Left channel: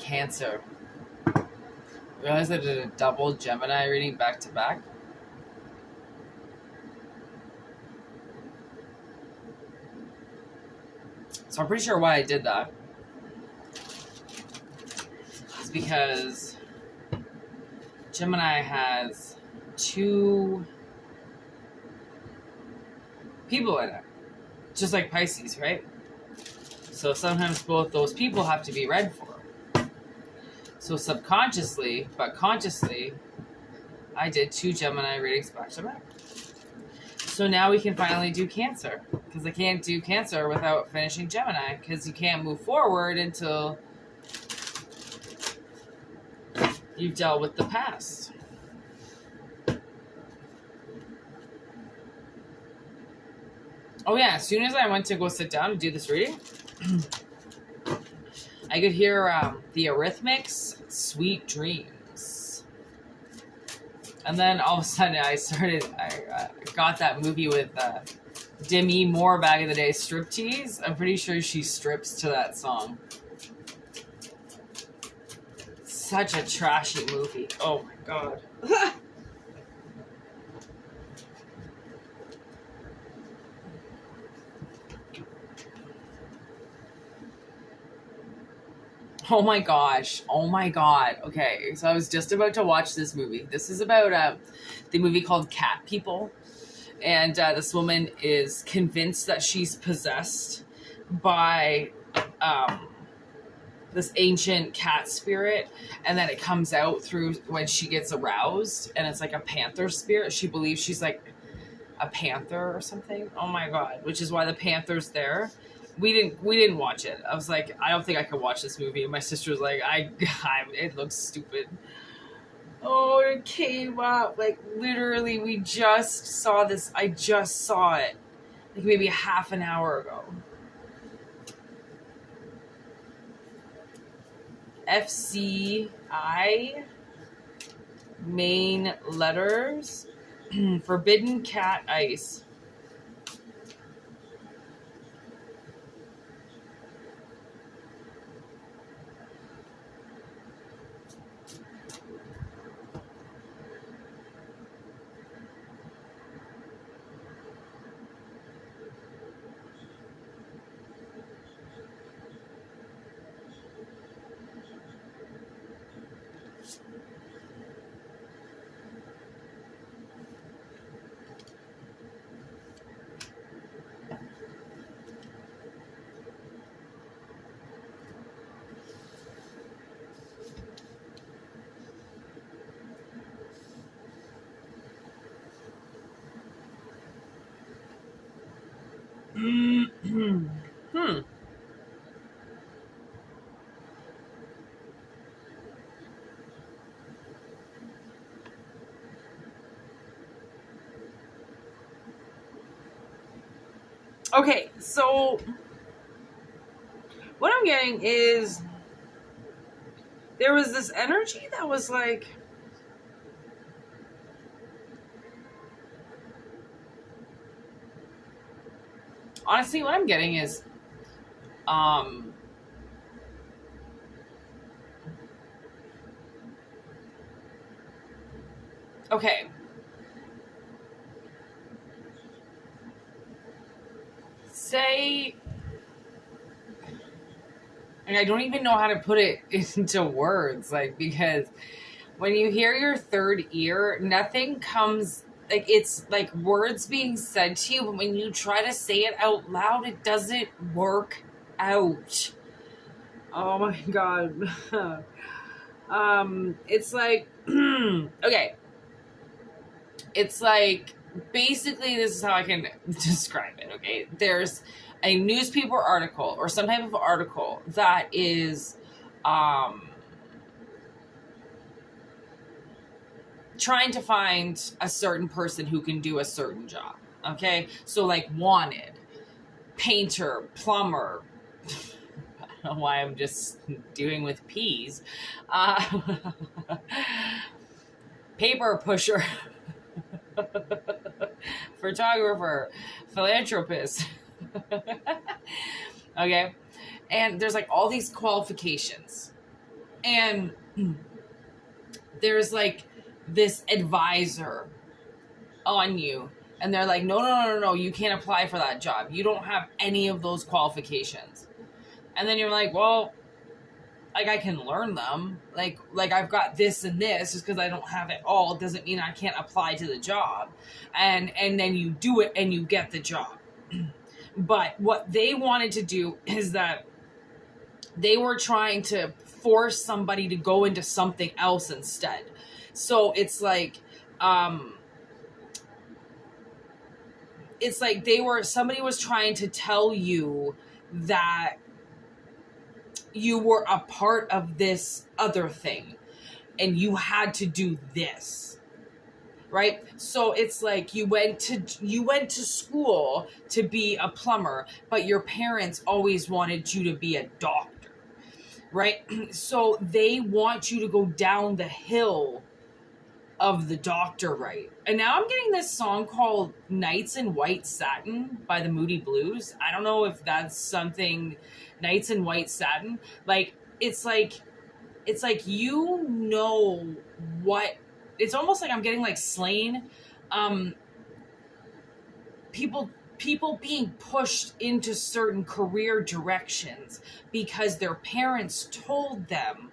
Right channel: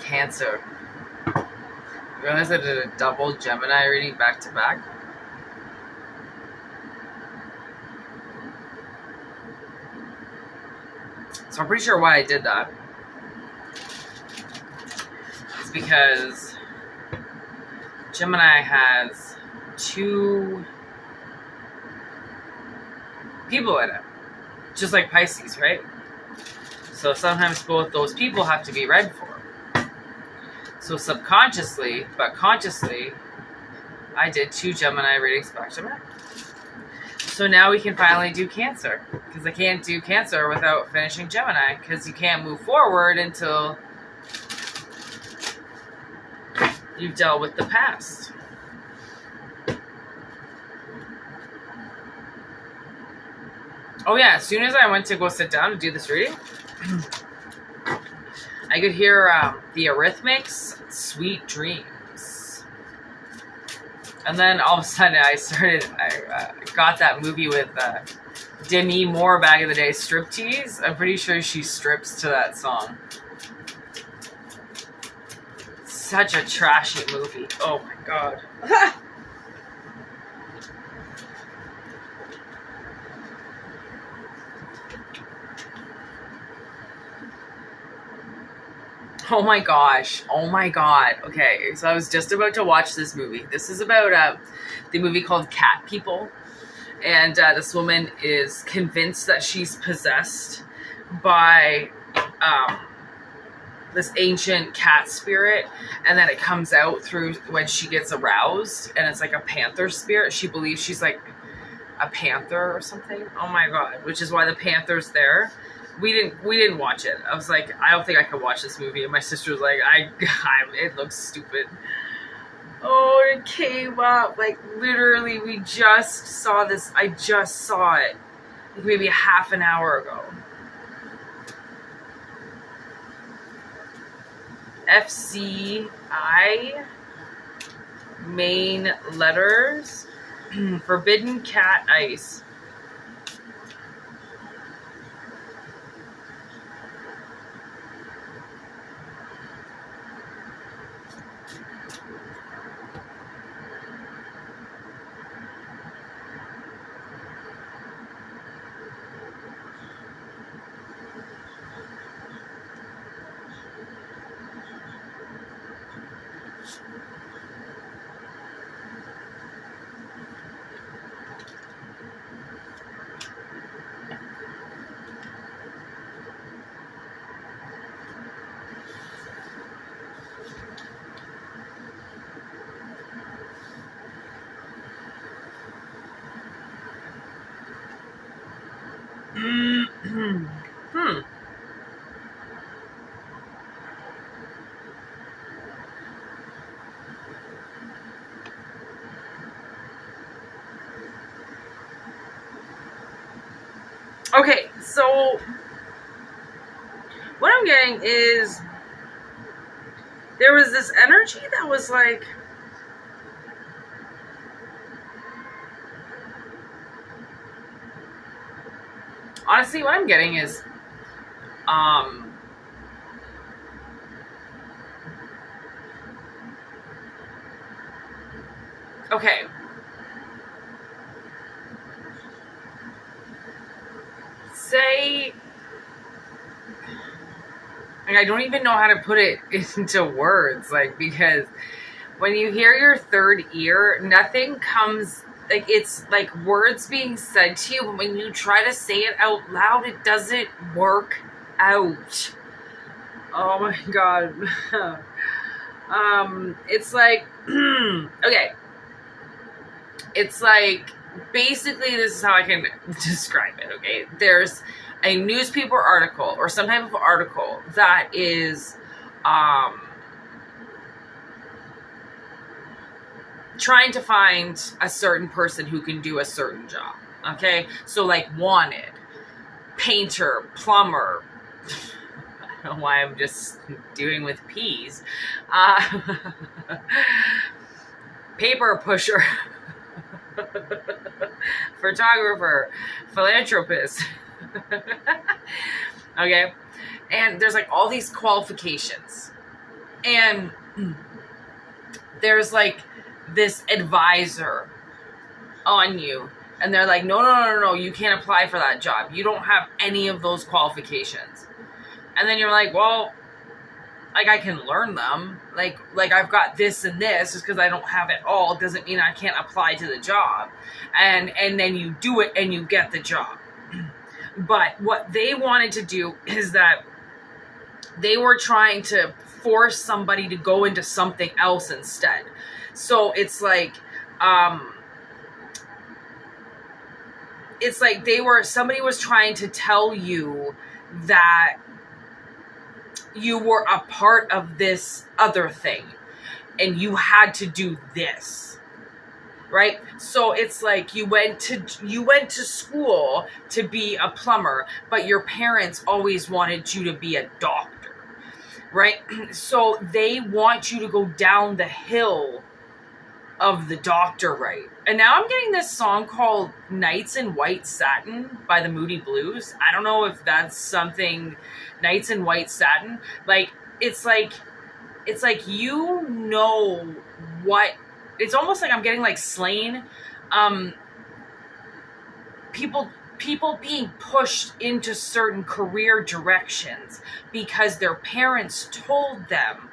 Cancer. You realize I did a double Gemini reading back to back? So I'm pretty sure why I did that is because Gemini has 2 people in it, just like Pisces, right? So sometimes both those people have to be read for. So subconsciously, but consciously, I did 2 Gemini readings back to back. So now we can finally do Cancer, because I can't do Cancer without finishing Gemini, because you can't move forward until you've dealt with the past. Oh yeah, as soon as I went to go sit down to do this reading, I could hear the Eurythmics' Sweet Dreams. And then all of a sudden I got that movie with Demi Moore back in the day, Striptease. I'm pretty sure she strips to that song. Such a trashy movie. Oh my god. Oh my gosh. Oh my god. Okay, so I was just about to watch this movie. This is about the movie called Cat People. And this woman is convinced that she's possessed by this ancient cat spirit. And then it comes out through when she gets aroused. And it's like a panther spirit. She believes she's like a panther or something. Oh my god. Which is why the panther's there. We didn't watch it. I was like, I don't think I could watch this movie. And my sister was like, it looks stupid. Oh, it came up. Like, literally, we just saw this. I just saw it. Like, maybe a half an hour ago. FCI. Main letters. Forbidden Cat Ice. Okay, so what I'm getting is there was this energy that was like, honestly, what I'm getting is okay. Say, like, I don't even know how to put it into words, like, because when you hear your third ear, nothing comes, like, it's like words being said to you, but when you try to say it out loud, it doesn't work out. Oh my god. It's like, okay. It's like, basically, this is how I can describe it, okay? There's a newspaper article or some type of article that is trying to find a certain person who can do a certain job, okay? So, like, wanted, painter, plumber. I don't know why I'm just doing with P's. Paper pusher. photographer, philanthropist. Okay. And there's like all these qualifications. And there's like this advisor on you. And they're like, no, you can't apply for that job. You don't have any of those qualifications. And then you're like, well, like I can learn them. Like I've got this and this. Just because I don't have it all doesn't mean I can't apply to the job. And then you do it and you get the job. But what they wanted to do is that they were trying to force somebody to go into something else instead. So it's like somebody was trying to tell you that you were a part of this other thing and you had to do this, right? So it's like you went to school to be a plumber, but your parents always wanted you to be a doctor, right? So they want you to go down the hill of the doctor, right? And now I'm getting this song called Nights in White Satin by the Moody Blues. I don't know if that's something. Nights in White Satin, like it's like you know what, it's almost like I'm getting like Slain, people being pushed into certain career directions because their parents told them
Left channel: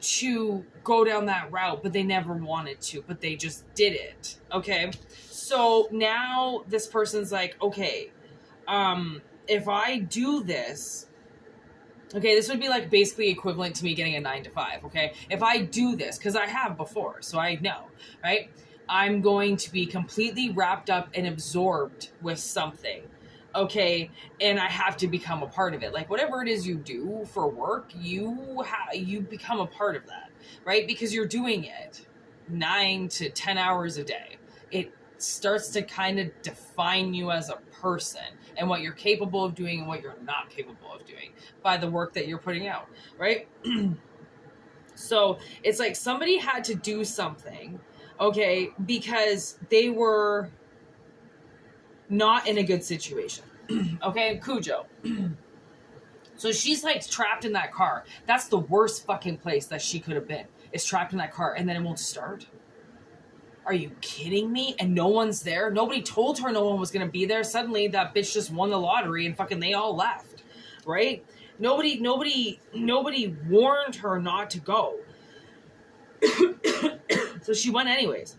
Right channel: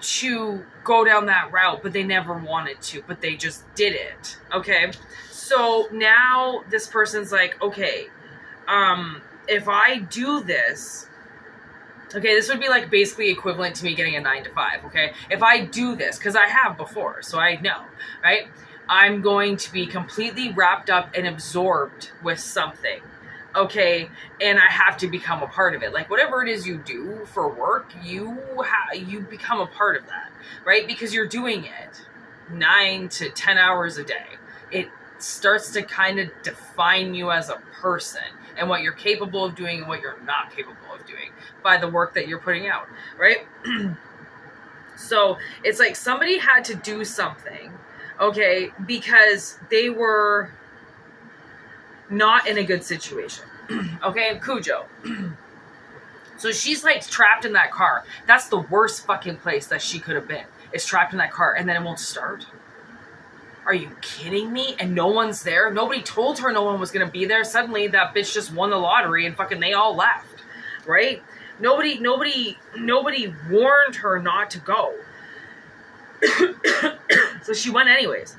to go down that route, but they never wanted to, but they just did it. Okay, so now this person's like, okay, if I do this, okay, this would be like basically equivalent to me getting a 9-to-5, okay? If I do this, because I have before, so I know, right? I'm going to be completely wrapped up and absorbed with something, okay? And I have to become a part of it. Like whatever it is you do for work, you become a part of that, right? Because you're doing it 9 to 10 hours a day. It starts to kind of define you as a person and what you're capable of doing and what you're not capable of doing by the work that you're putting out, right? So it's like somebody had to do something, okay, because they were not in a good situation. Okay, Cujo. So she's like trapped in that car. That's the worst fucking place that she could have been, is trapped in that car, and then it won't start. Are you kidding me? And no one's there? Nobody told her no one was going to be there. Suddenly that bitch just won the lottery and fucking they all left, right? Nobody warned her not to go. So she went anyways.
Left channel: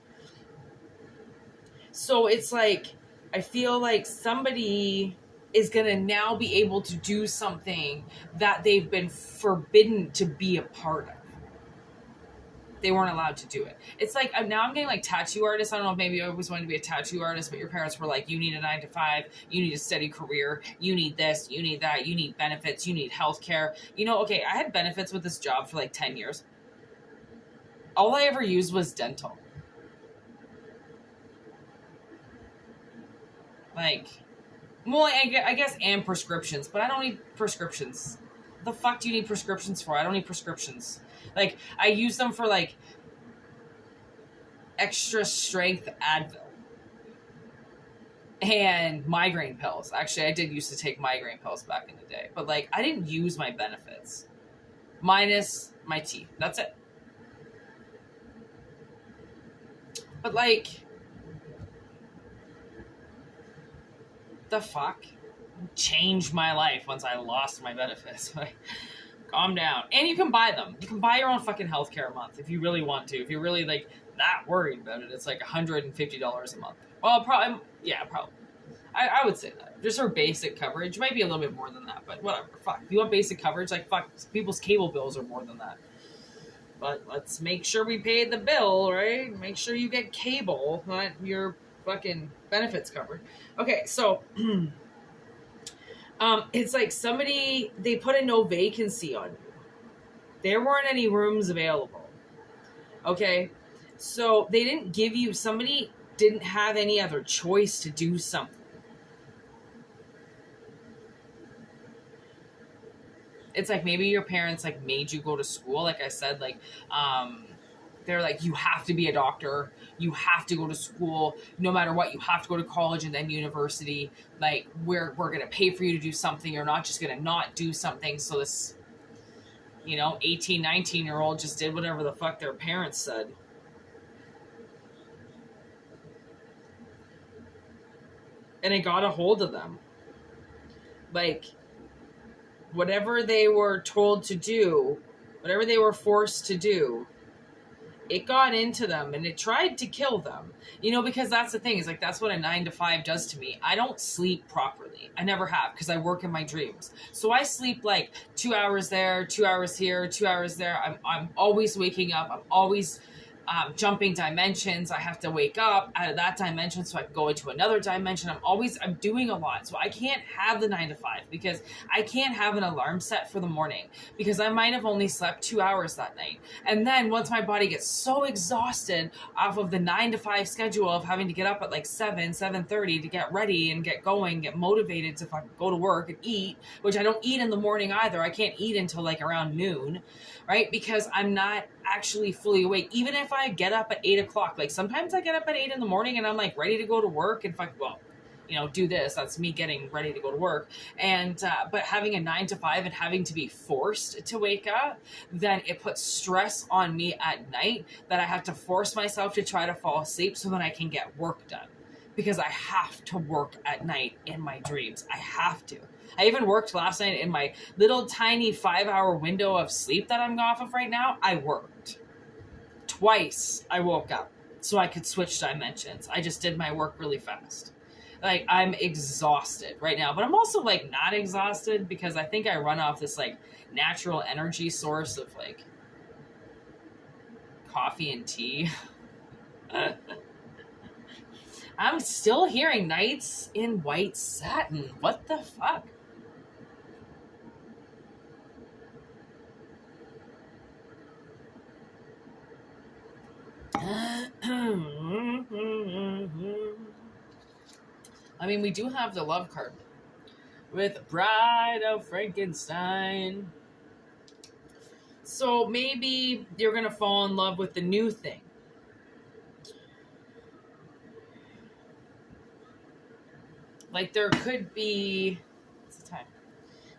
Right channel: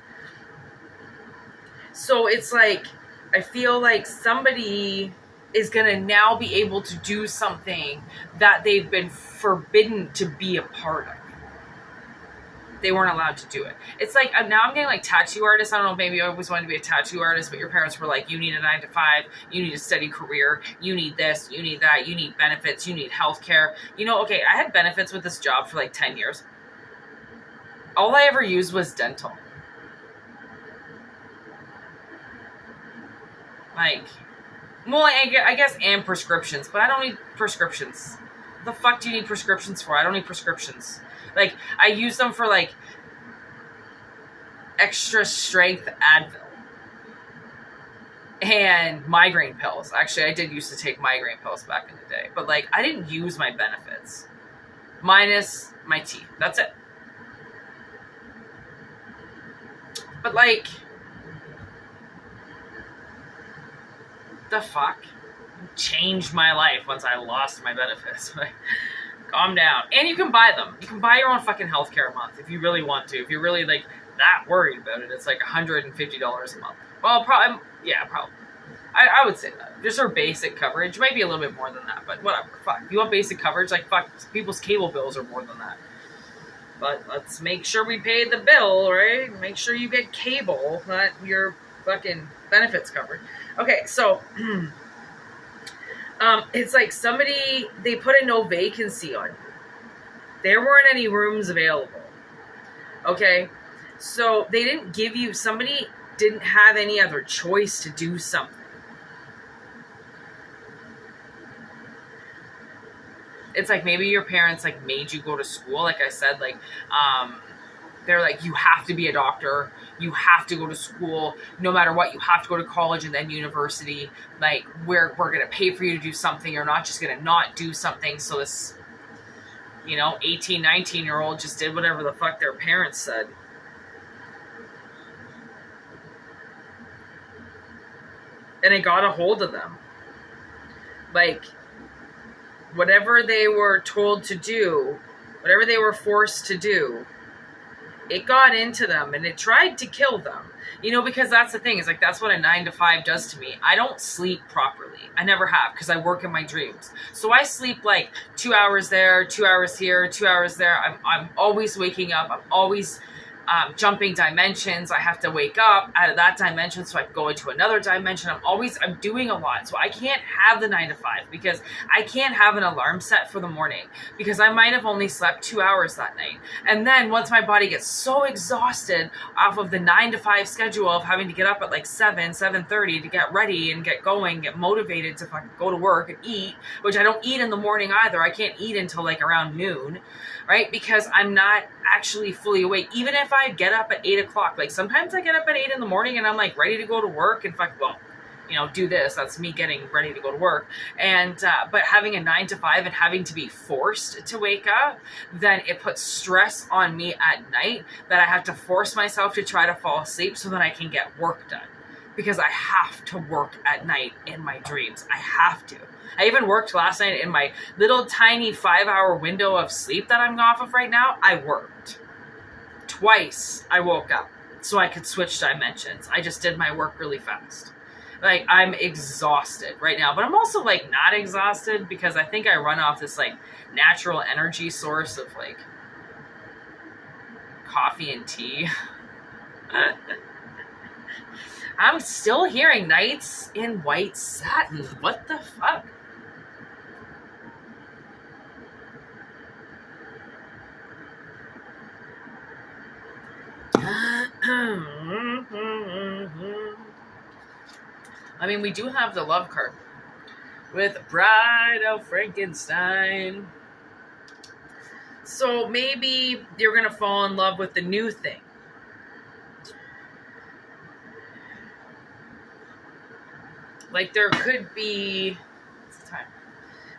So it's like, I feel like somebody is going to now be able to do something that they've been forbidden to be a part of. They weren't allowed to do it. It's like, now I'm getting like tattoo artists. I don't know, maybe you always wanted to be a tattoo artist, but your parents were like, you need a 9-to-5, you need a steady career, you need this, you need that, you need benefits, you need healthcare. You know, okay, I had benefits with this job for like 10 years. All I ever used was dental. Like, well, I guess, and prescriptions, but I don't need prescriptions. What the fuck do you need prescriptions for? I don't need prescriptions. Like, I use them for, like, extra strength Advil. And migraine pills. Actually, I did used to take migraine pills back in the day. But, like, I didn't use my benefits. Minus my teeth. That's it. But, like, the fuck? Changed my life once I lost my benefits. Like, calm down. And you can buy them. You can buy your own fucking healthcare a month if you really want to. If you're really, like, that worried about it. It's like $150 a month. Well, probably. Yeah, probably. I would say that. Just for basic coverage. It might be a little bit more than that, but whatever. Fuck. If you want basic coverage, like, fuck. People's cable bills are more than that. But let's make sure we pay the bill, right? Make sure you get cable, not your fucking benefits covered. Okay, so... it's like somebody, they put a no vacancy on you. There weren't any rooms available. Okay? So they didn't give you, somebody didn't have any other choice to do something. It's like maybe your parents like made you go to school. Like I said, like, They're like, you have to be a doctor. You have to go to school. No matter what, you have to go to college and then university. Like, we're going to pay for you to do something. You're not just going to not do something. So this, 18, 19-year-old just did whatever the fuck their parents said. And it got a hold of them. Like, whatever they were told to do, whatever they were forced to do, it got into them and it tried to kill them. Because that's the thing, is like, that's what a 9-to-5 does to me. I don't sleep properly. I never have, because I work in my dreams. So I sleep like 2 hours there, 2 hours here, 2 hours there. I'm always waking up. I'm always jumping dimensions. I have to wake up out of that dimension so I can go into another dimension. I'm doing a lot. So I can't have the 9-to-5 because I can't have an alarm set for the morning because I might have only slept 2 hours that night. And then once my body gets so exhausted off of the 9-to-5 schedule of having to get up at like 7:30 to get ready and get going, get motivated to fucking go to work and eat, which I don't eat in the morning either. I can't eat until like around noon, right? Because I'm not actually fully awake. Even if I get up at 8 o'clock, like sometimes I get up at 8 in the morning and I'm like ready to go to work and do this. That's me getting ready to go to work. And, but having a 9-to-5 and having to be forced to wake up, then it puts stress on me at night that I have to force myself to try to fall asleep so that I can get work done. Because I have to work at night in my dreams. I have to. I even worked last night in my little tiny 5-hour window of sleep that I'm off of right now. I worked. Twice I woke up so I could switch dimensions. I just did my work really fast. Like, I'm exhausted right now, but I'm also like not exhausted because I think I run off this like natural energy source of like coffee and tea. I'm still hearing Nights in White Satin. What the fuck? I mean, we do have the love card with Bride of Frankenstein. So maybe you're going to fall in love with the new thing. Like, there could be, what's the time?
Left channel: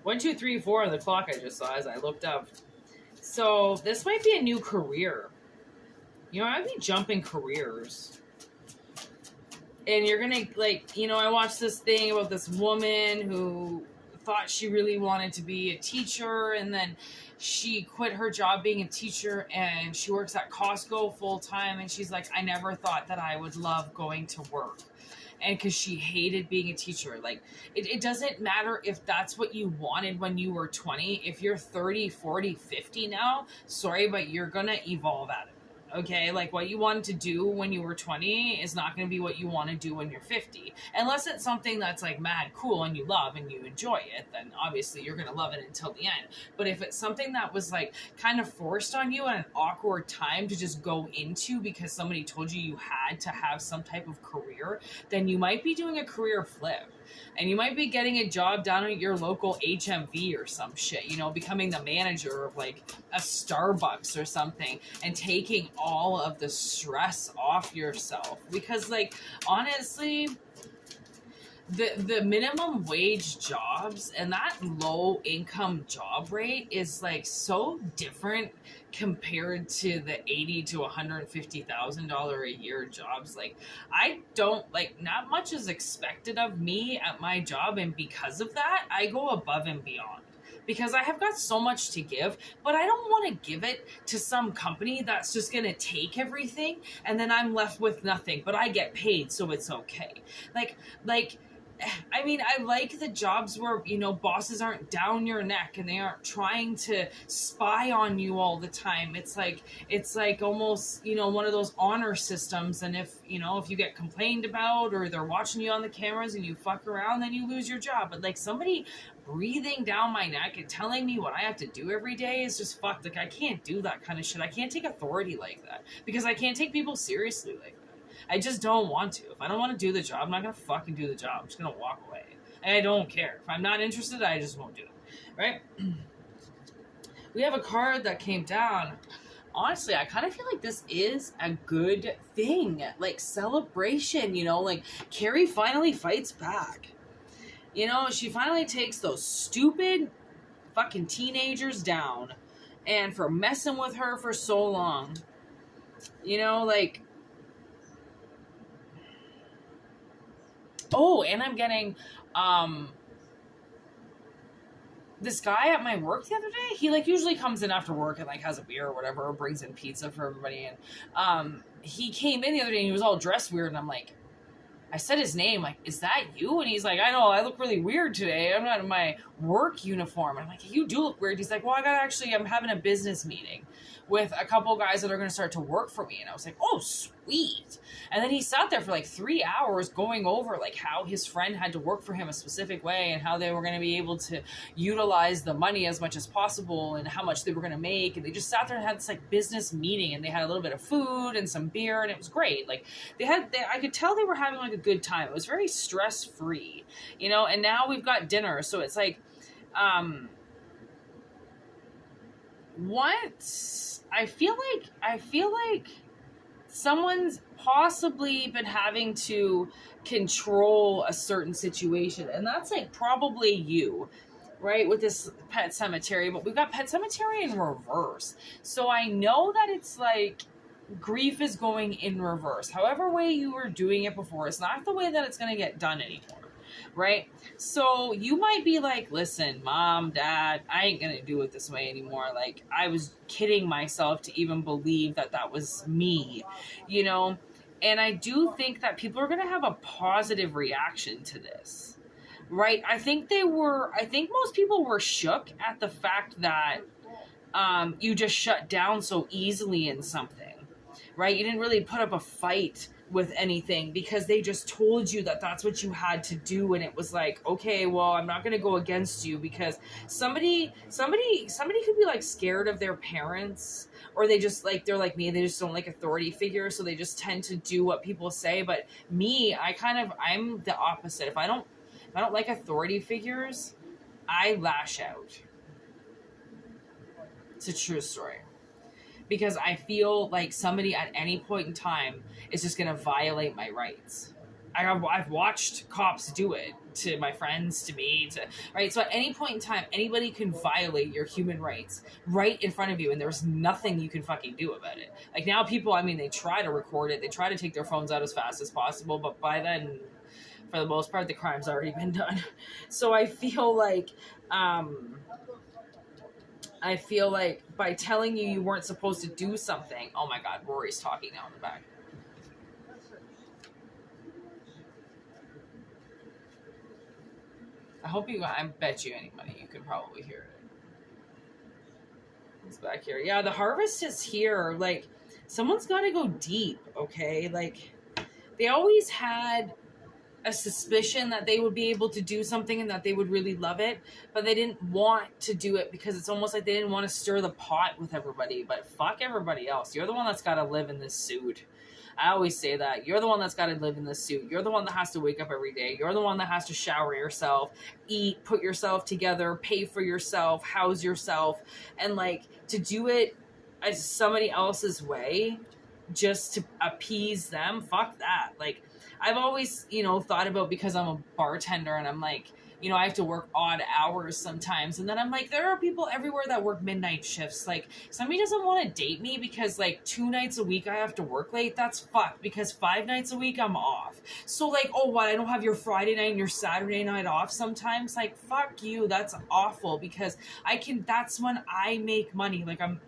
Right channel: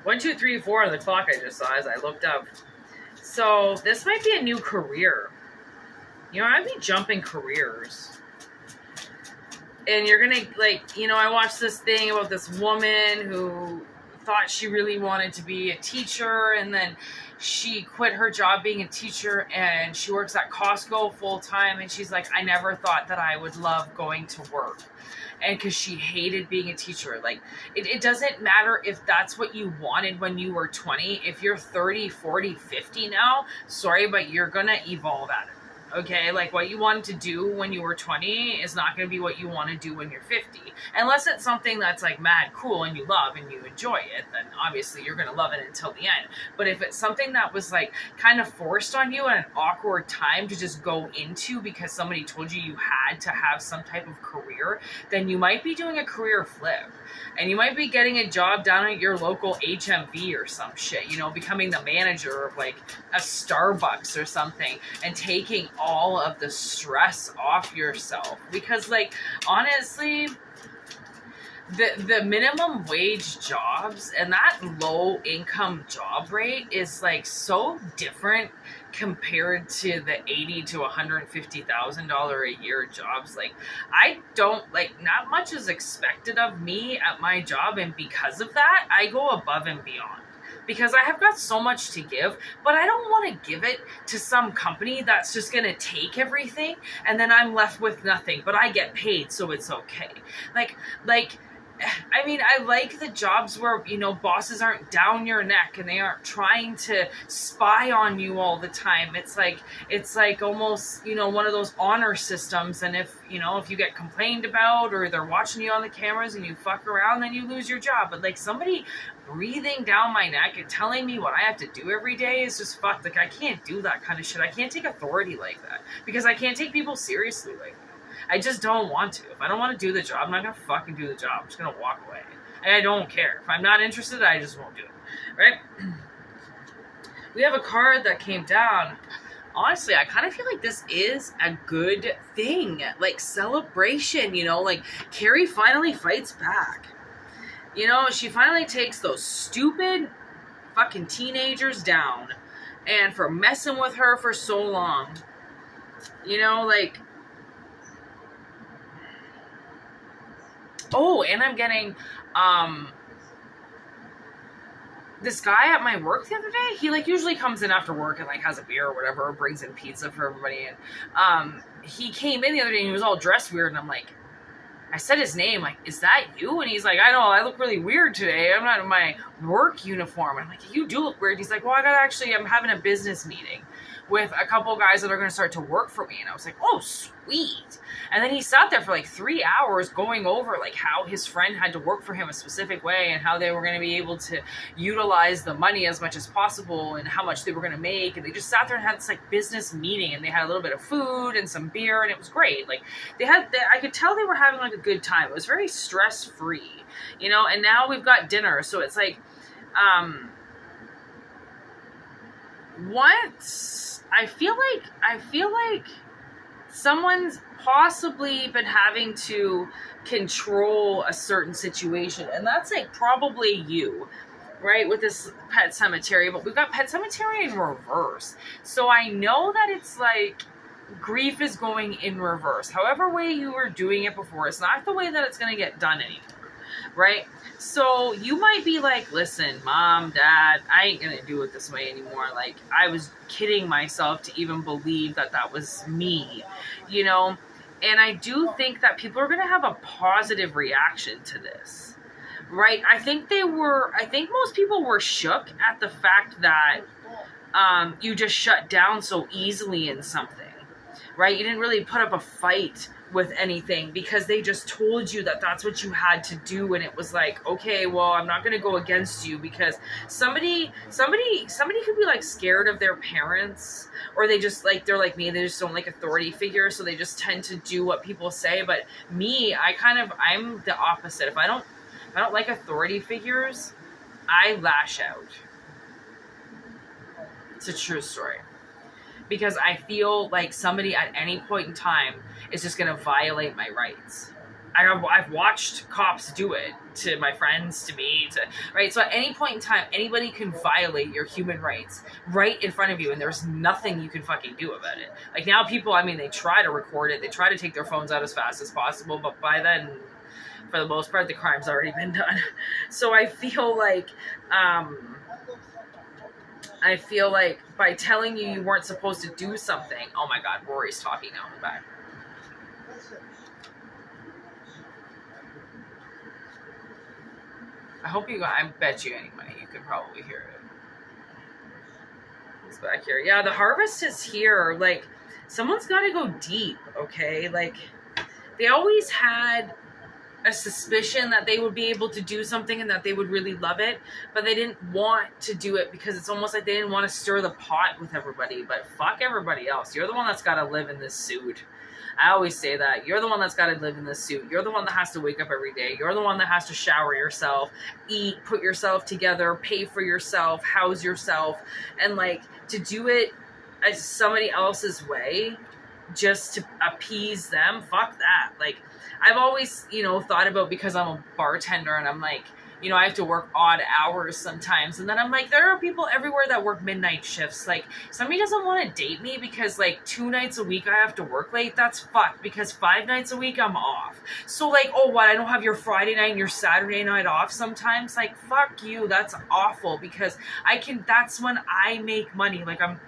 1, 2, 3, 4 on the clock I just saw as I looked up. So this might be a new career. I'd be jumping careers. And you're going to, like, I watched this thing about this woman who thought she really wanted to be a teacher, and then she quit her job being a teacher, and she works at Costco full time, and she's like, I never thought that I would love going to work. And because she hated being a teacher. Like, it doesn't matter if that's what you wanted when you were 20. If you're 30, 40, 50 now, sorry, but you're going to evolve at it. Okay, like what you wanted to do when you were 20 is not going to be what you want to do when you're 50. Unless it's something that's like mad cool and you love and you enjoy it, then obviously you're going to love it until the end. But if it's something that was like kind of forced on you at an awkward time to just go into because somebody told you you had to have some type of career, then you might be doing a career flip. And you might be getting a job down at your local HMV or some shit, becoming the manager of like a Starbucks or something and taking all of the stress off yourself. Because like, honestly, the minimum wage jobs and that low income job rate is like so different compared to the $80,000 to $150,000 a year jobs. Like, I don't like, not much is expected of me at my job, and because of that, I go above and beyond. Because I have got so much to give, but I don't want to give it to some company that's just going to take everything and then I'm left with nothing, but I get paid, so it's okay. I mean, I like the jobs where, bosses aren't down your neck and they aren't trying to spy on you all the time. It's like almost, one of those honor systems. And if you get complained about or they're watching you on the cameras and you fuck around, then you lose your job. But like somebody breathing down my neck and telling me what I have to do every day is just fucked. Like, I can't do that kind of shit. I can't take authority like that because I can't take people seriously like that. I just don't want to. If I don't want to do the job, I'm not going to fucking do the job. I'm just going to walk away. And I don't care. If I'm not interested, I just won't do it. Right? We have a card that came down honestly, I kind of feel like this is a good thing. Like, celebration, you know? Like, Carrie finally fights back. You know, she finally takes those stupid fucking teenagers down. And for messing with her for so long. You know, like... Oh, and I'm getting... this guy at my work the other day, he like usually comes in after work and like has a beer or whatever, or brings in pizza for everybody. And he came in the other day and he was all dressed weird. And I'm like, I said his name, like, is that you? And he's like, I know, I look really weird today. I'm not in my work uniform. And I'm like, you do look weird. He's like, well, I'm having a business meeting with a couple guys that are going to start to work for me. And I was like, oh, sweet. And then he sat there for like 3 hours going over like how his friend had to work for him a specific way and how they were going to be able to utilize the money as much as possible and how much they were going to make. And they just sat there and had this like business meeting, and they had a little bit of food and some beer, and it was great. Like I could tell they were having like a good time. It was very stress free, you know. And now we've got dinner, so it's like, what? I feel like someone's possibly been having to control a certain situation, and that's like probably you, right, with this Pet Cemetery. But we've got Pet Cemetery in reverse, so I know that it's like grief is going in reverse. However way you were doing it before, it's not the way that it's going to get done anymore, right? So you might be like, listen, mom, dad, I ain't going to do it this way anymore. Like, I was kidding myself to even believe that that was me, you know? And I do think that people are going to have a positive reaction to this, right? I think most people were shook at the fact that you just shut down so easily in something, right? You didn't really put up a fight with anything because they just told you that that's what you had to do. And it was like, okay, well, I'm not going to go against you, because somebody could be like scared of their parents, or they just like, they're like me, they just don't like authority figures. So they just tend to do what people say. But me, I'm the opposite. If I don't like authority figures, I lash out. It's a true story. Because I feel like somebody at any point in time is just going to violate my rights. I've watched cops do it to my friends, to me, right? So at any point in time, anybody can violate your human rights right in front of you, and there's nothing you can fucking do about it. Like, now people, I mean, they try to record it, they try to take their phones out as fast as possible, but by then, for the most part, the crime's already been done. So I feel like by telling you weren't supposed to do something... Oh my God, Rory's talking now in the back. I bet you any money you could probably hear it. It's back here. Yeah, the harvest is here. Like, someone's got to go deep, okay? Like, they always had a suspicion that they would be able to do something and that they would really love it, but they didn't want to do it because it's almost like they didn't want to stir the pot with everybody. But fuck everybody else. You're the one that's got to live in this suit. I always say that. You're the one that's got to live in this suit. You're the one that has to wake up every day. You're the one that has to shower yourself, eat, put yourself together, pay for yourself, house yourself. And like, to do it as somebody else's way just to appease them, fuck that. Like, I've always, thought about, because I'm a bartender and I'm like, I have to work odd hours sometimes. And then I'm like, there are people everywhere that work midnight shifts. Like, somebody doesn't want to date me because like 2 nights a week I have to work late. That's fucked, because 5 nights a week I'm off. So like, oh, what? I don't have your Friday night and your Saturday night off sometimes? Like, fuck you. That's awful, because that's when I make money. Like, I'm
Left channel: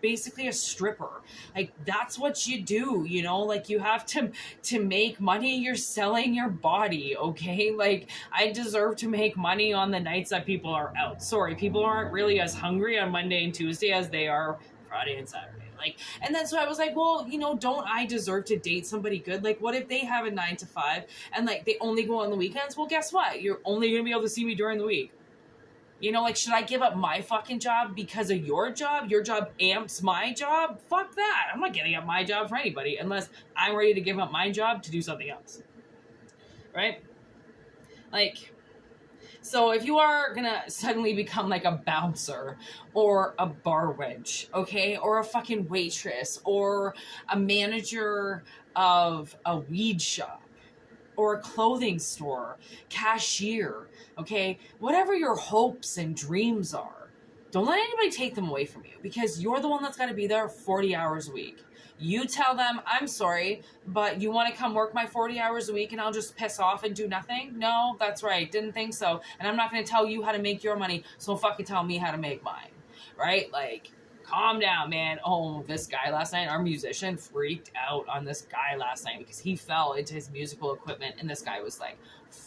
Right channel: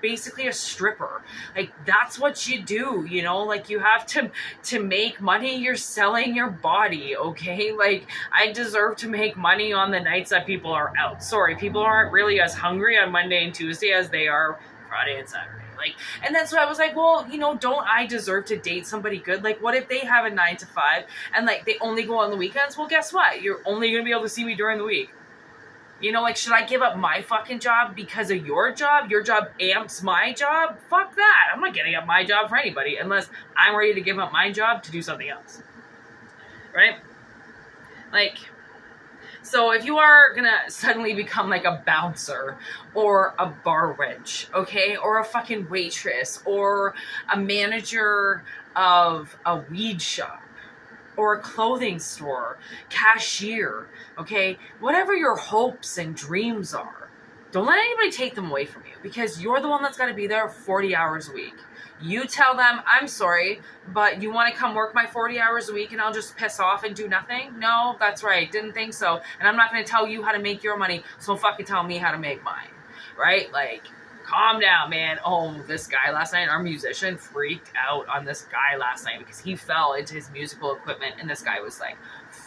basically a stripper. Like, that's what you do, like, you have to make money. You're selling your body. Okay. Like, I deserve to make money on the nights that people are out. Sorry, people aren't really as hungry on Monday and Tuesday as they are Friday and Saturday. Like, and that's why I was like, well, don't I deserve to date somebody good? Like, what if they have a 9 to 5 and like they only go on the weekends? Well, guess what? You're only gonna be able to see me during the week. Like, should I give up my fucking job because of your job? Your job amps my job? Fuck that. I'm not giving up my job for anybody unless I'm ready to give up my job to do something else. Right? Like, So if you are gonna suddenly become like a bouncer or a bar wench, okay, or a fucking waitress or a manager of a weed shop or a clothing store, cashier, okay, whatever your hopes and dreams are, don't let anybody take them away from you, because you're the one that's got to be there 40 hours a week. You tell them, I'm sorry, but you want to come work my 40 hours a week and I'll just piss off and do nothing? No, that's right. Didn't think so. And I'm not going to tell you how to make your money, so fucking tell me how to make mine. Right? Like, calm down, man. Oh, this guy last night, our musician, freaked out on this guy last night because he fell into his musical equipment, and this guy was like,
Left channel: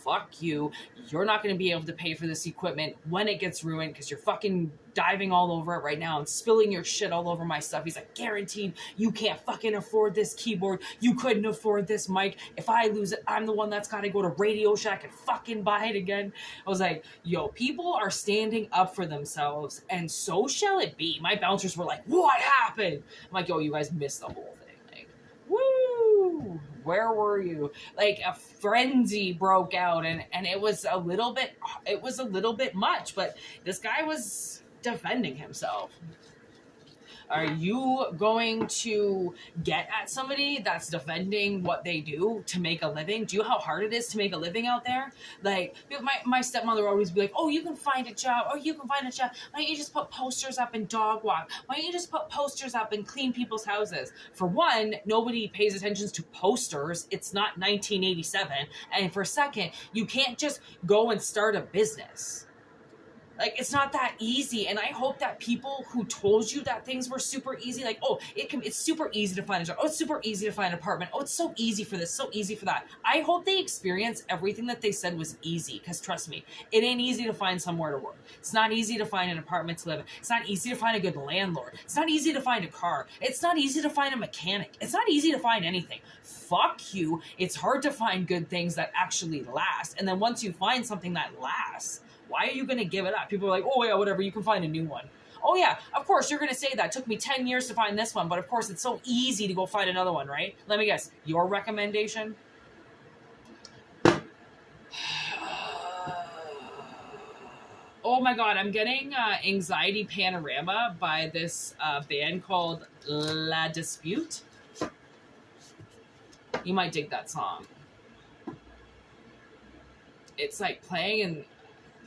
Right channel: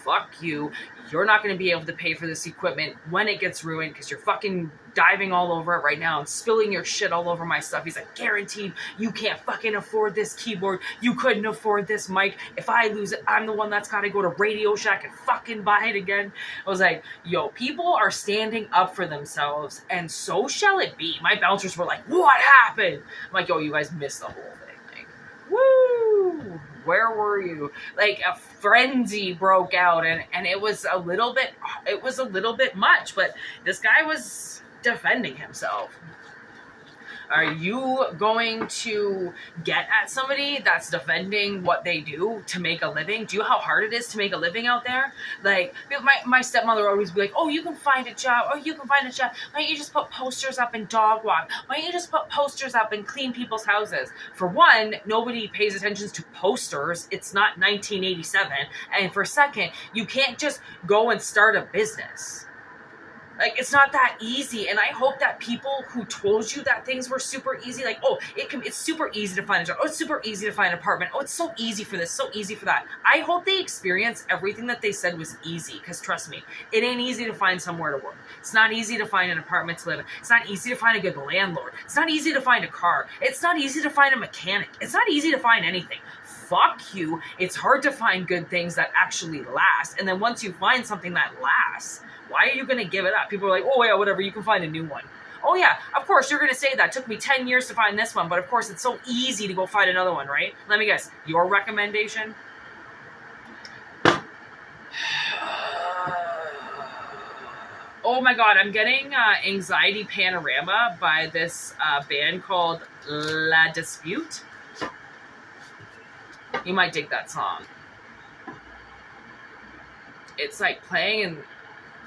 fuck you. You're not going to be able to pay for this equipment when it gets ruined because you're fucking diving all over it right now and spilling your shit all over my stuff. He's like, guaranteed you can't fucking afford this keyboard. You couldn't afford this mic. If I lose it, I'm the one that's got to go to Radio Shack and fucking buy it again. I was like, yo, people are standing up for themselves, and so shall it be. My bouncers were like, what happened? I'm like, yo, you guys missed the whole thing. Like, woo! Where were you? Like, a frenzy broke out, and it was a little bit much, but this guy was defending himself. Are you going to get at somebody that's defending what they do to make a living? Do you know how hard it is to make a living out there? Like, my stepmother always be like, oh, you can find a job. Oh, you can find a job. Why don't you just put posters up and dog walk? Why don't you just put posters up and clean people's houses? For one, nobody pays attention to posters. It's not 1987. And for second, you can't just go and start a business. Like, it's not that easy, and I hope that people who told you that things were super easy, like, oh, it's super easy to find a job, oh, it's super easy to find an apartment, oh, it's so easy for this, so easy for that. I hope they experience everything that they said was easy, because trust me, it ain't easy to find somewhere to work. It's not easy to find an apartment to live in. It's not easy to find a good landlord. It's not easy to find a car. It's not easy to find a mechanic. It's not easy to find anything. Fuck you. It's hard to find good things that actually last, and then once you find something that lasts, why are you going to give it up? People are like, oh, yeah, whatever, you can find a new one. Oh, yeah, of course, you're going to say that. It took me 10 years to find this one, but of course, it's so easy to go find another one, right? Let me guess, your recommendation? Oh, my God, I'm getting Anxiety Panorama by this band called La Dispute. You might dig that song. It's like playing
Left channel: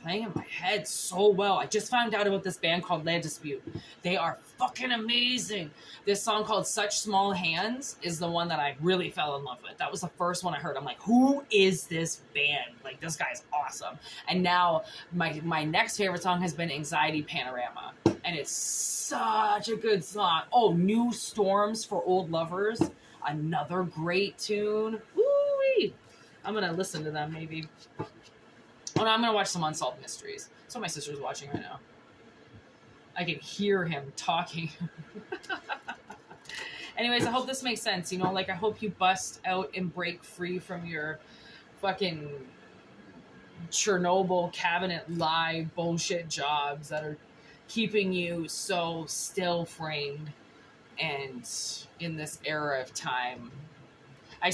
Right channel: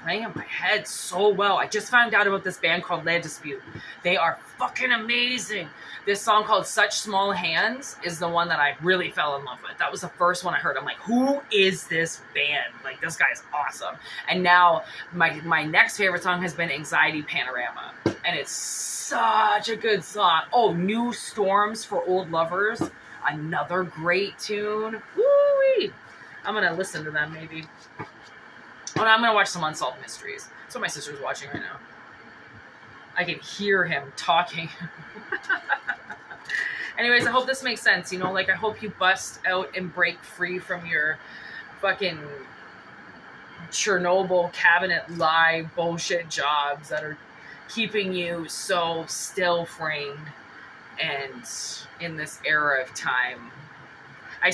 in my head so well. I just found out about this band called La Dispute. They are fucking amazing. This song called Such Small Hands is the one that I really fell in love with. That was the first one I heard. I'm like, who is this band? Like, this guy's awesome. And now my next favorite song has been Anxiety Panorama. And it's such a good song. Oh, New Storms for Old Lovers. Another great tune. Woo-wee. I'm going to listen to them maybe. Oh, no, I'm going to watch some Unsolved Mysteries. That's what my sister's watching right now. I can hear him talking. Anyways, I hope this makes sense. You know, like, I hope you bust out and break free from your fucking Chernobyl cabinet lie bullshit jobs that are keeping you so still framed and in this era of time. I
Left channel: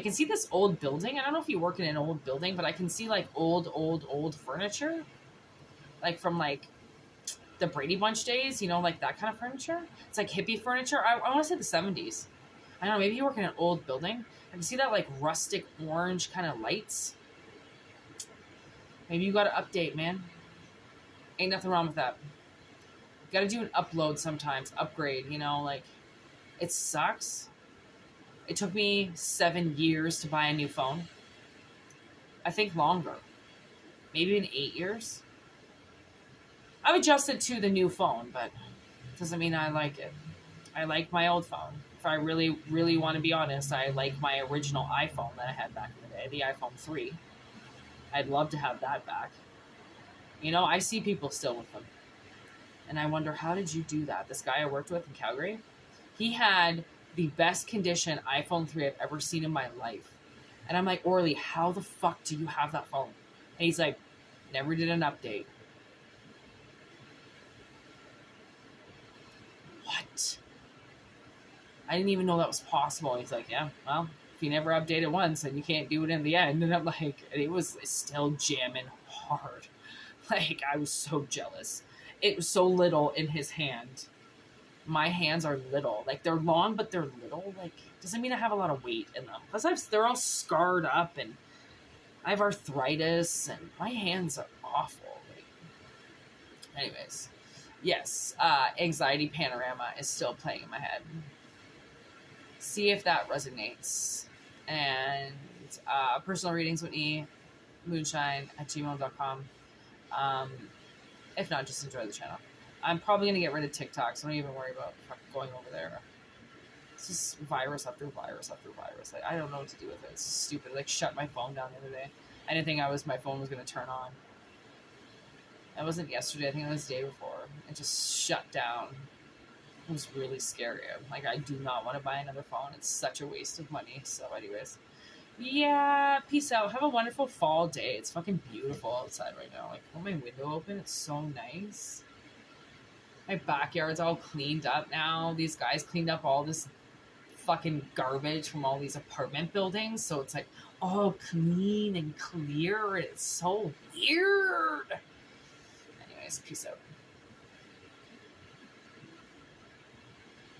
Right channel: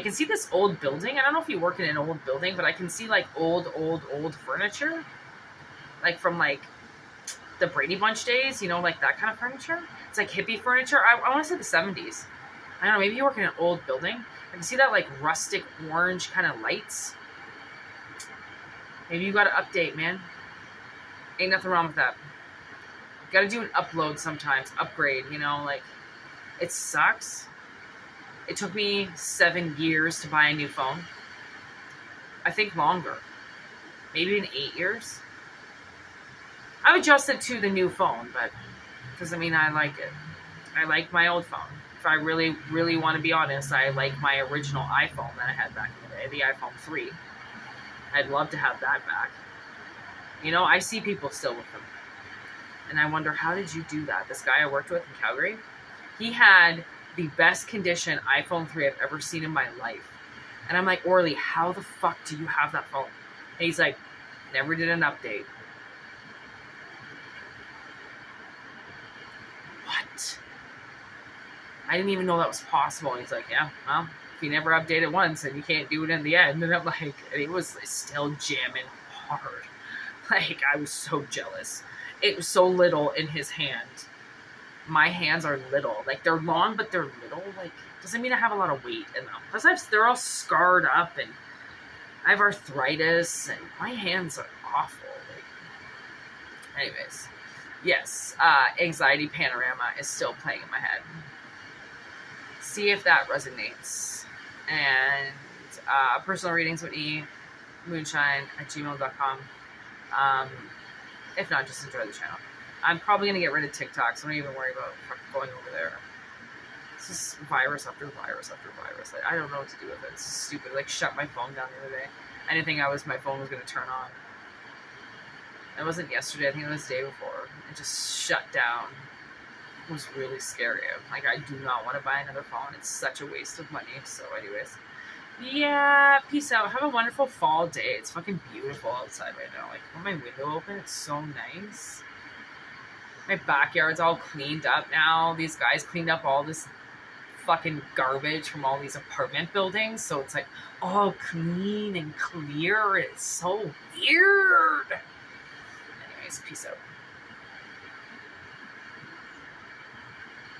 can see this old building. I don't know if you work in an old building, but I can see like old furniture. Like from like the Brady Bunch days, you know, like that kind of furniture. It's like hippie furniture. I want to say the 70s. I don't know, maybe you work in an old building. I can see that like rustic orange kind of lights. Maybe you got to update, man. Ain't nothing wrong with that. Got to do an upload sometimes, upgrade, you know, like it sucks. It took me 7 years to buy a new phone. I think longer. Maybe in 8 years. I've adjusted to the new phone, but it doesn't mean I like it. I like my old phone. If I really, really want to be honest, I like my original iPhone that I had back in the day, the iPhone 3. I'd love to have that back. You know, I see people still with them. And I wonder, how did you do that? This guy I worked with in Calgary, he had the best condition iPhone 3 I've ever seen in my life. And I'm like, Orly, how the fuck do you have that phone? And he's like, never did an update. What? I didn't even know that was possible. And he's like, yeah, well, if you never update it once, then you can't do it in the end. And I'm like, and it was still jamming hard. Like, I was so jealous. It was so little in his hand. My hands are little. Like, they're long, but they're little. Like, doesn't mean I have a lot of weight in them. Because they're all scarred up, and I have arthritis, and my hands are awful. Like, anyways. Yes, Anxiety Panorama is still playing in my head. See if that resonates. And personal readings, whitneymoonshine@gmail.com. If not, just enjoy the channel. I'm probably going to get rid of TikTok, so don't even worry about going over there. It's just virus after virus after virus. Like, I don't know what to do with it. It's stupid. Like, shut my phone down the other day. I didn't think my phone was going to turn on. It wasn't yesterday. I think it was the day before. It just shut down. It was really scary. Like, I do not want to buy another phone. It's such a waste of money. So, anyways. Yeah, peace out. Have a wonderful fall day. It's fucking beautiful outside right now. Like, with my window open, it's so nice. My backyard's all cleaned up now. These guys cleaned up all this fucking garbage from all these apartment buildings. So it's like all clean and clear. It's so weird. Anyways, peace out.